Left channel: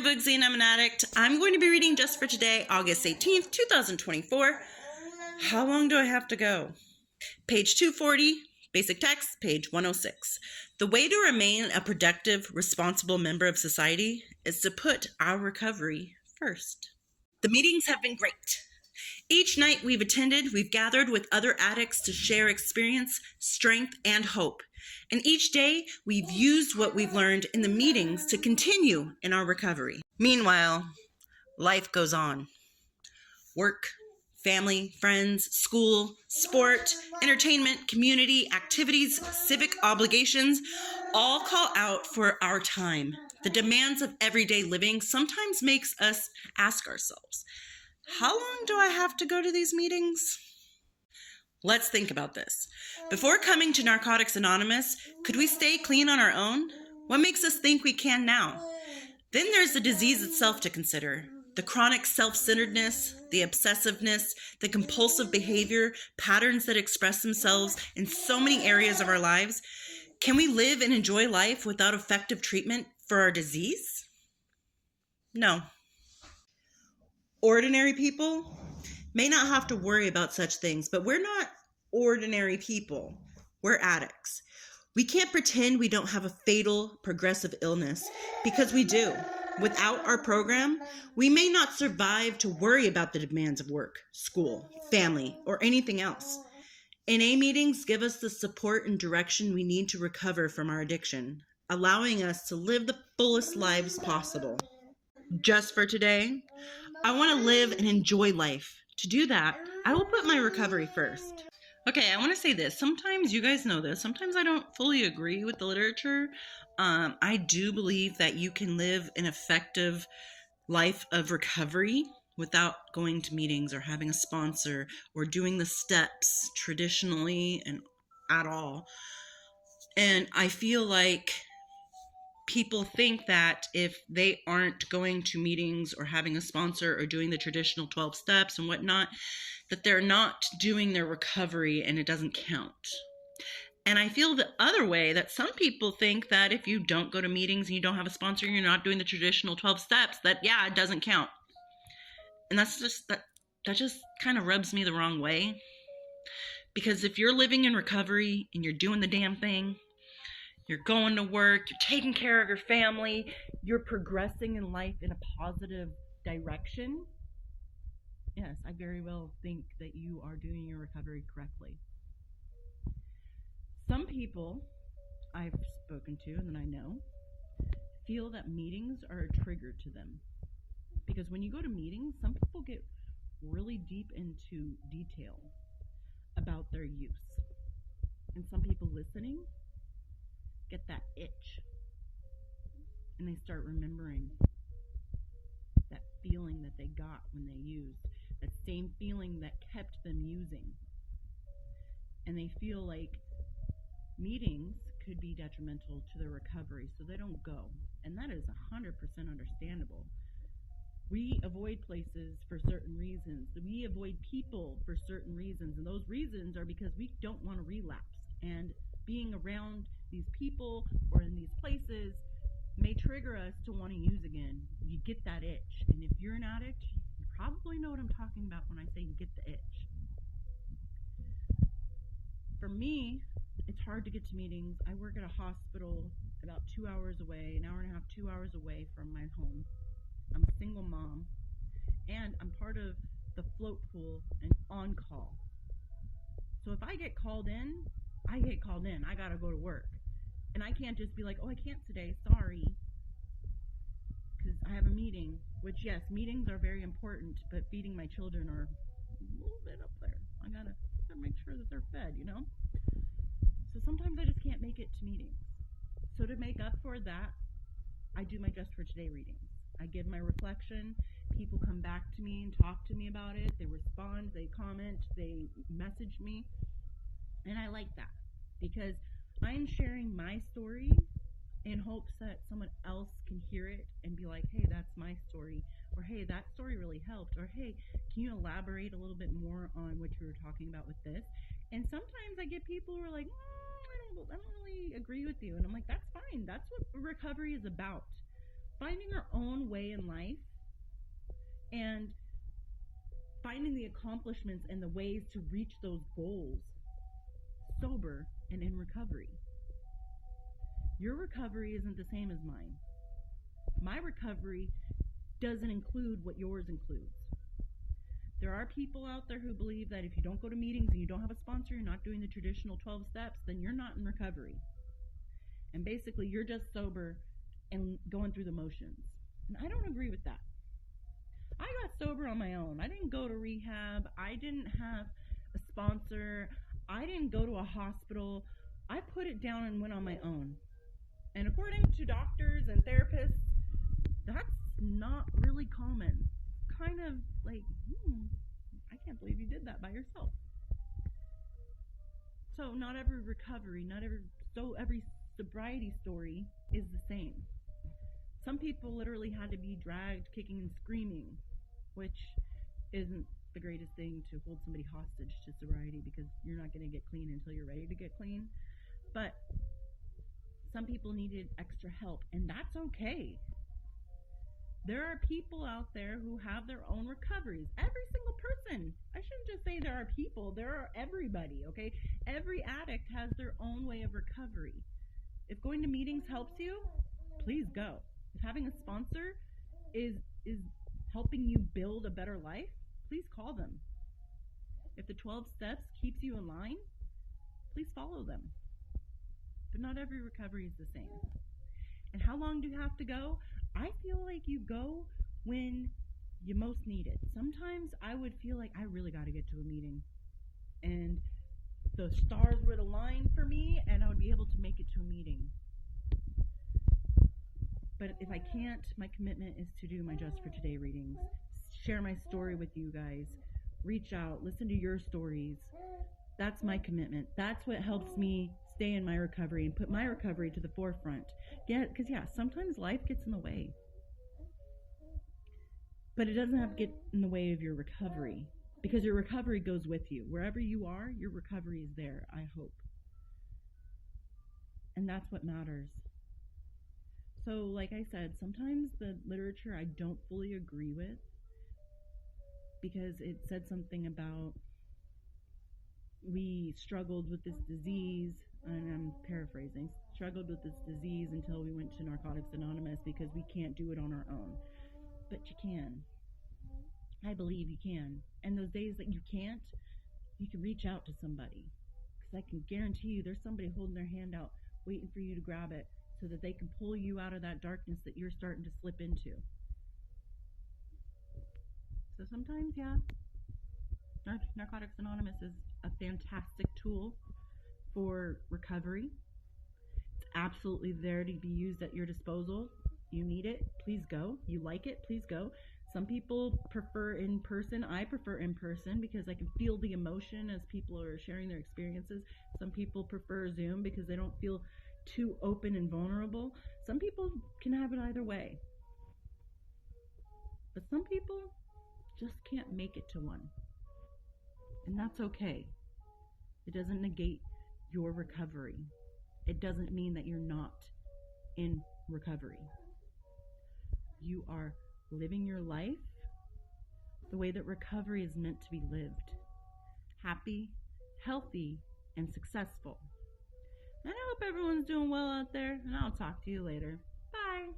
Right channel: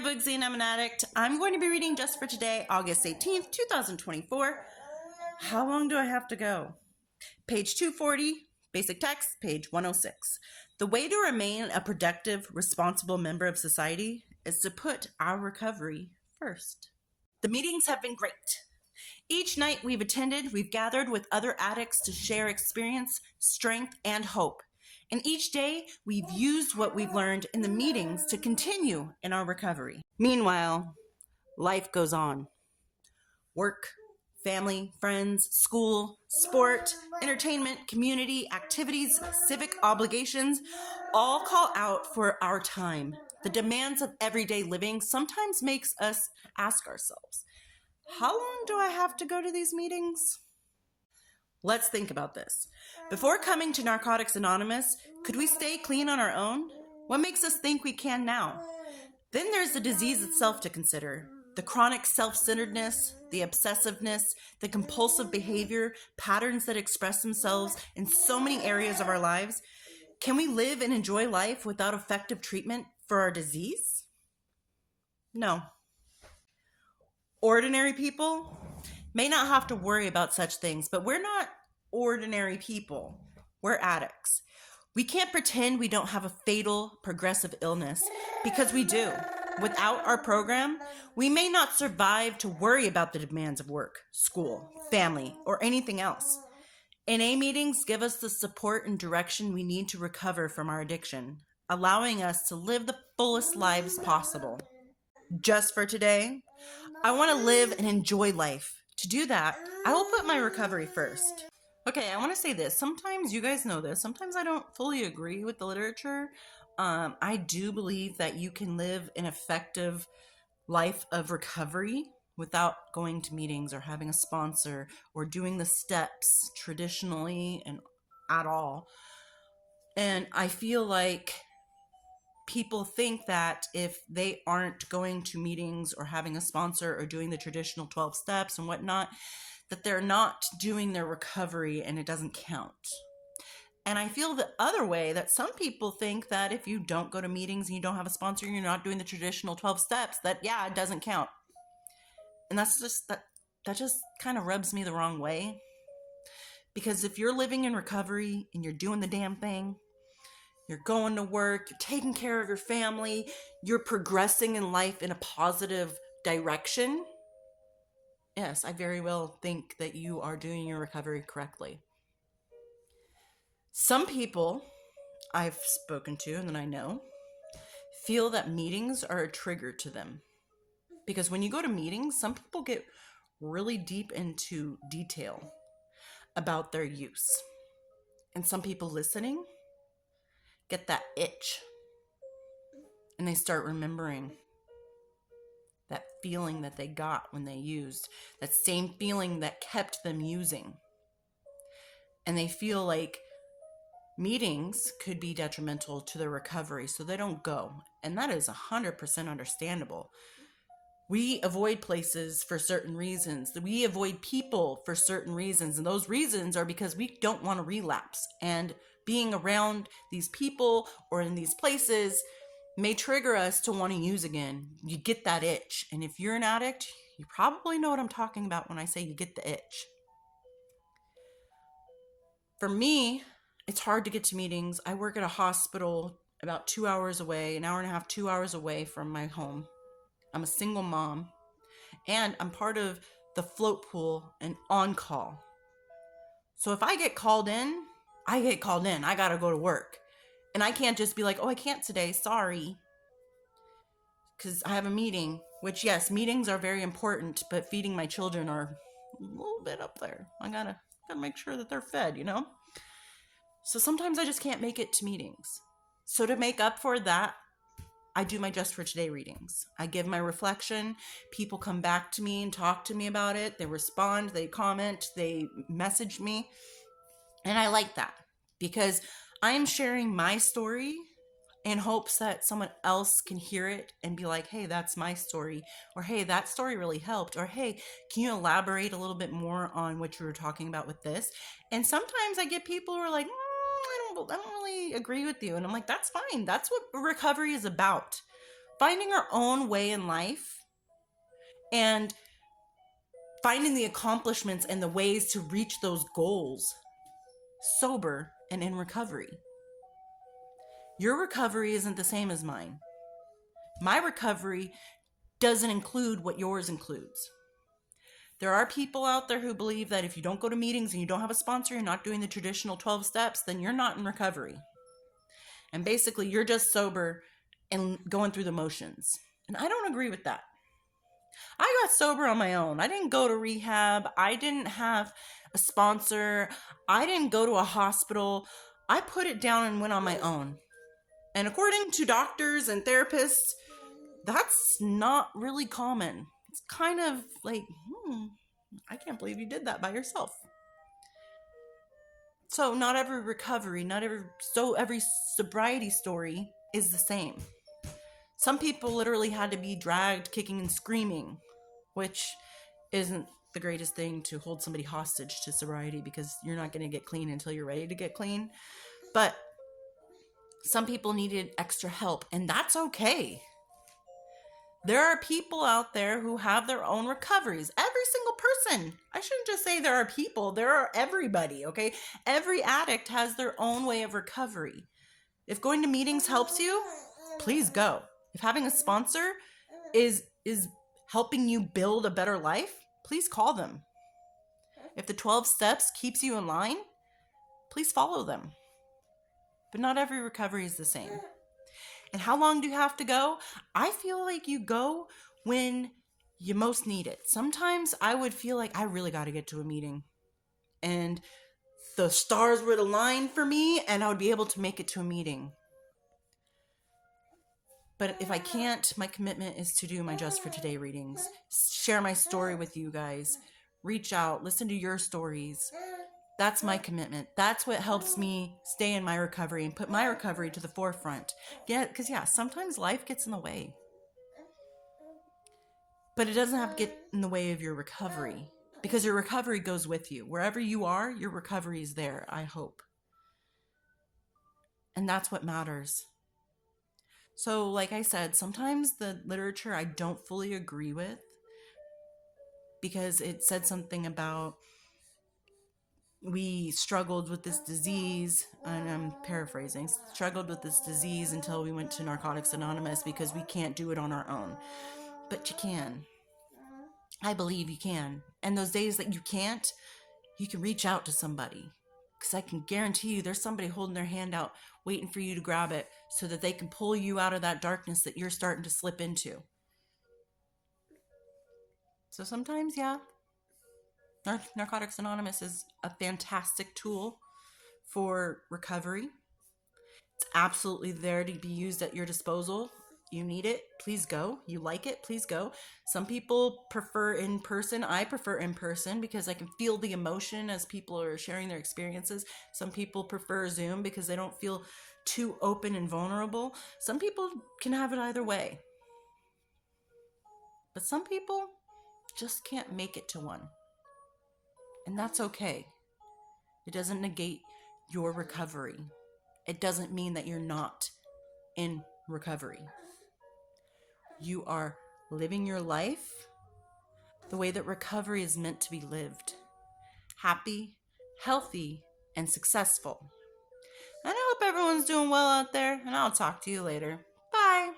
I'm Boogsy and I'm an addict. I'm going to be reading just for today, August 18th, 2024. How long do I have to go? Page 240, basic text, page 106. The way to remain a productive, responsible member of society is to put our recovery first. The meetings have been great. Each night we've attended, we've gathered with other addicts to share experience, strength, and hope. And each day, we've used what we've learned in the meetings to continue in our recovery. Meanwhile, life goes on. Work, family, friends, school, sport, entertainment, community, activities, civic obligations, all call out for our time. The demands of everyday living sometimes makes us ask ourselves, how long do I have to go to these meetings? Let's think about this. Before coming to Narcotics Anonymous, could we stay clean on our own? What makes us think we can now? Then there's the disease itself to consider. The chronic self-centeredness, the obsessiveness, the compulsive behavior, patterns that express themselves in so many areas of our lives. Can we live and enjoy life without effective treatment for our disease? No. Ordinary people may not have to worry about such things, but we're not ordinary people. We're addicts. We can't pretend we don't have a fatal progressive illness because we do. Without our program, we may not survive to worry about the demands of work, school, family, or anything else. NA meetings give us the support and direction we need to recover from our addiction, allowing us to live the fullest lives possible. Just for today, I want to live and enjoy life. To do that, I will put my recovery first. Okay, I want to say this. Sometimes, you guys know this, sometimes I don't fully agree with the literature. I do believe that you can live an effective life of recovery without going to meetings or having a sponsor or doing the steps traditionally and at all. And I feel like people think that if they aren't going to meetings or having a sponsor or doing the traditional 12 steps and whatnot, that they're not doing their recovery and it doesn't count. And I feel the other way, that some people think that if you don't go to meetings and you don't have a sponsor and you're not doing the traditional 12 steps, that yeah, it doesn't count. And that's just, that just kind of rubs me the wrong way. Because if you're living in recovery and you're doing the damn thing, you're going to work, you're taking care of your family, you're progressing in life in a positive direction. Yes, I very well think that you are doing your recovery correctly. Some people I've spoken to and that I know feel that meetings are a trigger to them. Because when you go to meetings, some people get really deep into detail about their use. And some people listening get that itch and they start remembering that feeling that they got when they used, that same feeling that kept them using. And they feel like meetings could be detrimental to their recovery, so they don't go. And that is 100% understandable. We avoid places for certain reasons. We avoid people for certain reasons. And those reasons are because we don't want to relapse. And being around these people or in these places may trigger us to want to use again. You get that itch. And if you're an addict, you probably know what I'm talking about when I say you get the itch. For me, it's hard to get to meetings. I work at a hospital about 2 hours away, an hour and a half, 2 hours away from my home. I'm a single mom, and I'm part of the float pool and on call. So if I get called in, I get called in. I gotta go to work. And I can't just be like, oh, I can't today, sorry. Because I have a meeting, which yes, meetings are very important, but feeding my children are a little bit up there. I gotta make sure that they're fed, you know? So sometimes I just can't make it to meetings. So to make up for that, I do my Just for Today readings. I give my reflection. People come back to me and talk to me about it. They respond, they comment, they message me. And I like that because I am sharing my story in hopes that someone else can hear it and be like, hey, that's my story. Or, hey, that story really helped. Or, hey, can you elaborate a little bit more on what you were talking about with this? And sometimes I get people who are like, I don't really agree with you. And I'm like, that's fine. That's what recovery is about. finding our own way in life and finding the accomplishments and the ways to reach those goals sober and in recovery. Your recovery isn't the same as mine. My recovery doesn't include what yours includes. There are people out there who believe that if you don't go to meetings and you don't have a sponsor, you're not doing the traditional 12 steps, then you're not in recovery. And basically, you're just sober and going through the motions. And I don't agree with that. I got sober on my own. I didn't go to rehab. I didn't have a sponsor. I didn't go to a hospital. I put it down and went on my own. And according to doctors and therapists, that's not really common. It's kind of like, I can't believe you did that by yourself. So not every recovery, every sobriety story is the same. Some people literally had to be dragged kicking and screaming, which isn't the greatest thing to hold somebody hostage to sobriety, because you're not going to get clean until you're ready to get clean. But some people needed extra help, and that's okay. There are people out there who have their own recoveries. Every single person. I shouldn't just say there are people. There are everybody, okay? Every addict has their own way of recovery. If going to meetings helps you, please go. If having a sponsor is helping you build a better life, please call them. If the 12 steps keeps you in line, please follow them. But not every recovery is the same. And how long do you have to go? I feel like you go when you most need it. Sometimes I would feel like I really got to get to a meeting, and the stars would align for me and I would be able to make it to a meeting. But if I can't, my commitment is to do my Just for Today readings, share my story with you guys, reach out, listen to your stories. That's my commitment. That's what helps me stay in my recovery and put my recovery to the forefront. Yeah, because sometimes life gets in the way. But it doesn't have to get in the way of your recovery, because your recovery goes with you. Wherever you are, your recovery is there, I hope. And that's what matters. So, like I said, sometimes the literature I don't fully agree with, because it said something about we struggled with this disease, and I'm paraphrasing, struggled with this disease until we went to Narcotics Anonymous because we can't do it on our own. But you can. I believe you can. And those days that you can't, you can reach out to somebody. Because I can guarantee you there's somebody holding their hand out waiting for you to grab it so that they can pull you out of that darkness that you're starting to slip into. So sometimes, Narcotics Anonymous is a fantastic tool for recovery. It's absolutely there to be used at your disposal. You need it, please go. You like it, please go. Some people prefer in person. I prefer in person because I can feel the emotion as people are sharing their experiences. Some people prefer Zoom because they don't feel too open and vulnerable. Some people can have it either way. But some people just can't make it to one. And that's okay. It doesn't negate your recovery. It doesn't mean that you're not in recovery. You are living your life the way that recovery is meant to be lived. Happy, healthy, and successful. And I hope everyone's doing well out there, and I'll talk to you later. Bye.